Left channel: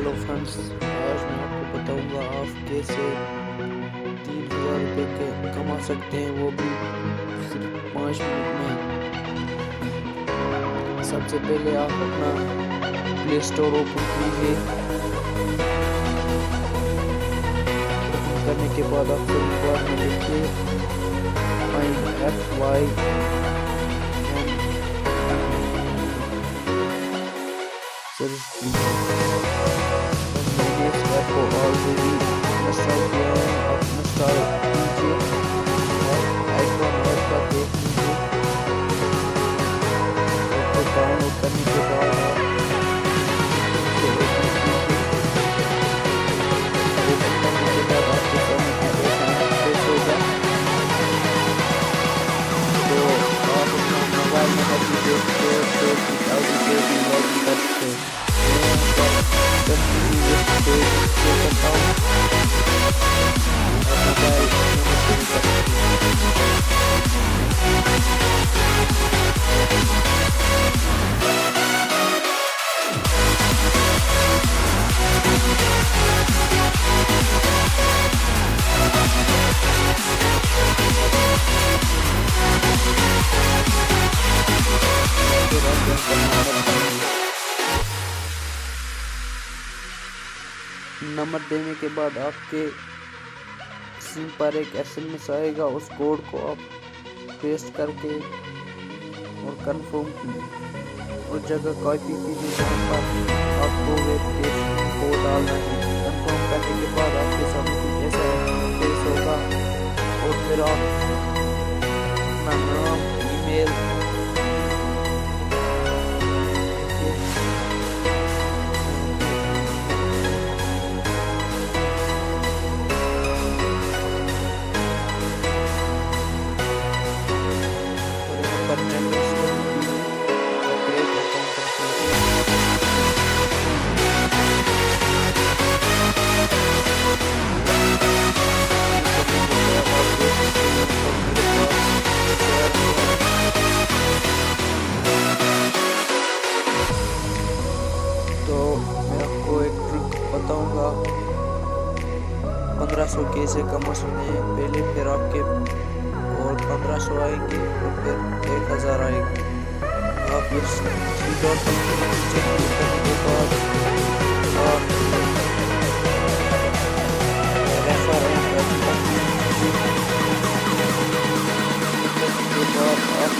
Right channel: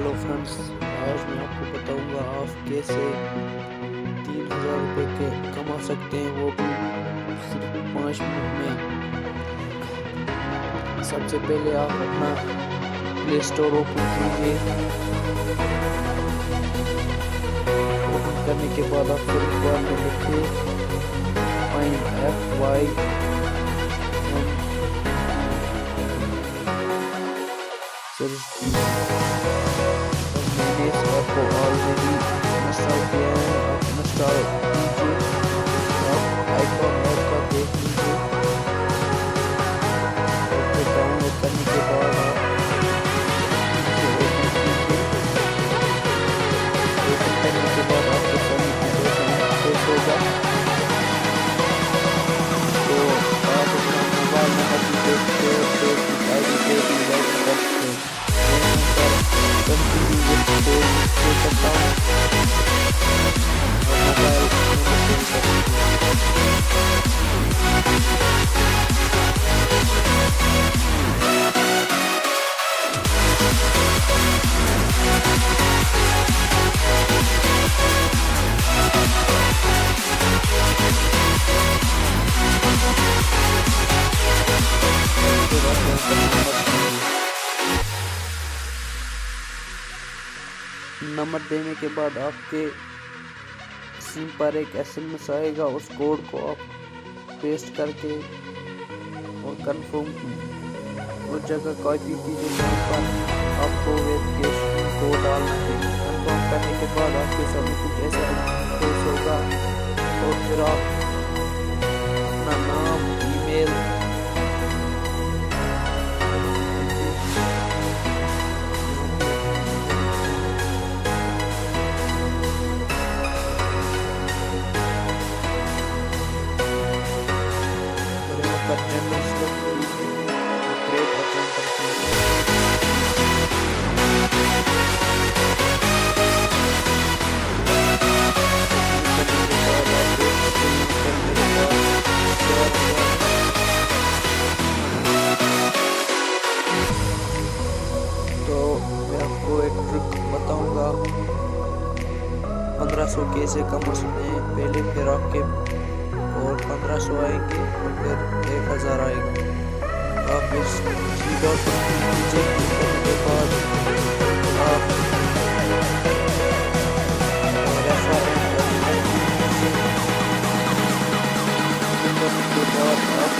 Hello friends, आज मैं आपको बताऊंगा आप कैसे 3000 रुपये के कमा सकते हैं, वो भी सिर्फ 5 मिनट में। सबसे पहले आप अपना प्ले स्टोर ओपन कीजिए। ओपन करने के बाद आप सर्च बार में लिखिए FYN। मैंने इस ऐप को ऑलरेडी इंस्टॉल किया है। आप इंस्टॉल कीजिए, आप आइकॉन ऐप का देख लीजिए। उसको डाउनलोड करने के बाद आप इसे ओपन कीजिए। ओपन करने के बाद आपके सामने जैसा इंटरफेस होगा, तो आप अपना मोबाइल नंबर भी देखते हो, फेसबुक आईडी से भी लॉग इन कर सकते हैं। मैं यहाँ पर कंटिन्यू विथ फेसबुक से करता हूँ और मोबाइल नंबर से भी कर सकते हैं। नंबर देने के बाद आपके सिम पर एक SMS आएगा। उस कोड को आप पेस्ट करके और कंफर्म उस जगह कॉपी कीजिए जहाँ पर आपको वेरिफिकेशन कोड डालना है। कंफर्म करने के बाद आपके सामने कुछ ऐसा इंटरफेस होगा और फिर आप अपना नाम, ईमेल, पर जनरल सेलेक्ट कीजिए और क्रिएट अकाउंट पर क्लिक करने के बाद आप देख सकते हैं पर मेरे पास 4000। तो मैं आपको एक ट्रिक बताऊंगा 1500 कैसे कमा सकते हैं। पहले फिर आपके और 1500 आएंगे और फिर 1000 आएगा। आप इस थ्री डॉट पर क्लिक कीजिए। क्लिक करने के बाद आप रेफर एंड अर्न पर क्लिक कीजिए। क्लिक करने के बाद आप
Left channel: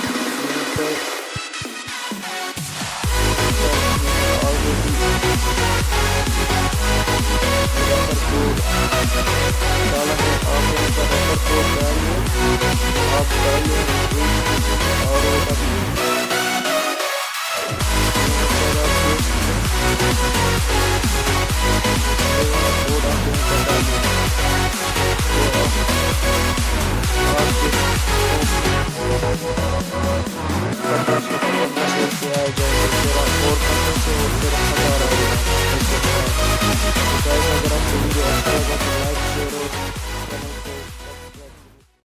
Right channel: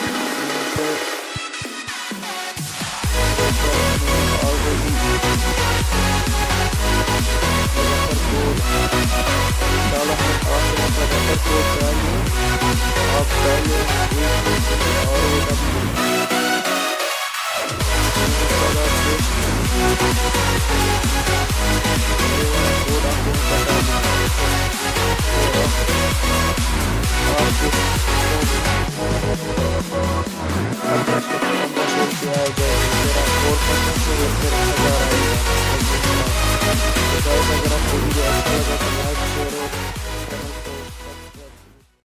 यहाँ पर ऑलरेडी रेफर कोड डाला है। आप यहाँ पर रेफर कोड डालिए। आप डालिए ROW। ये वाला कोड आप यहाँ पर डालिए तो आपके 1500 रुपये आ जाएगा। फिर आप और 1500 और फिर 1000 आएगा। तो गाइस, अगर आपको वीडियो अच्छा लगा तो लाइक, शेयर और चैनल को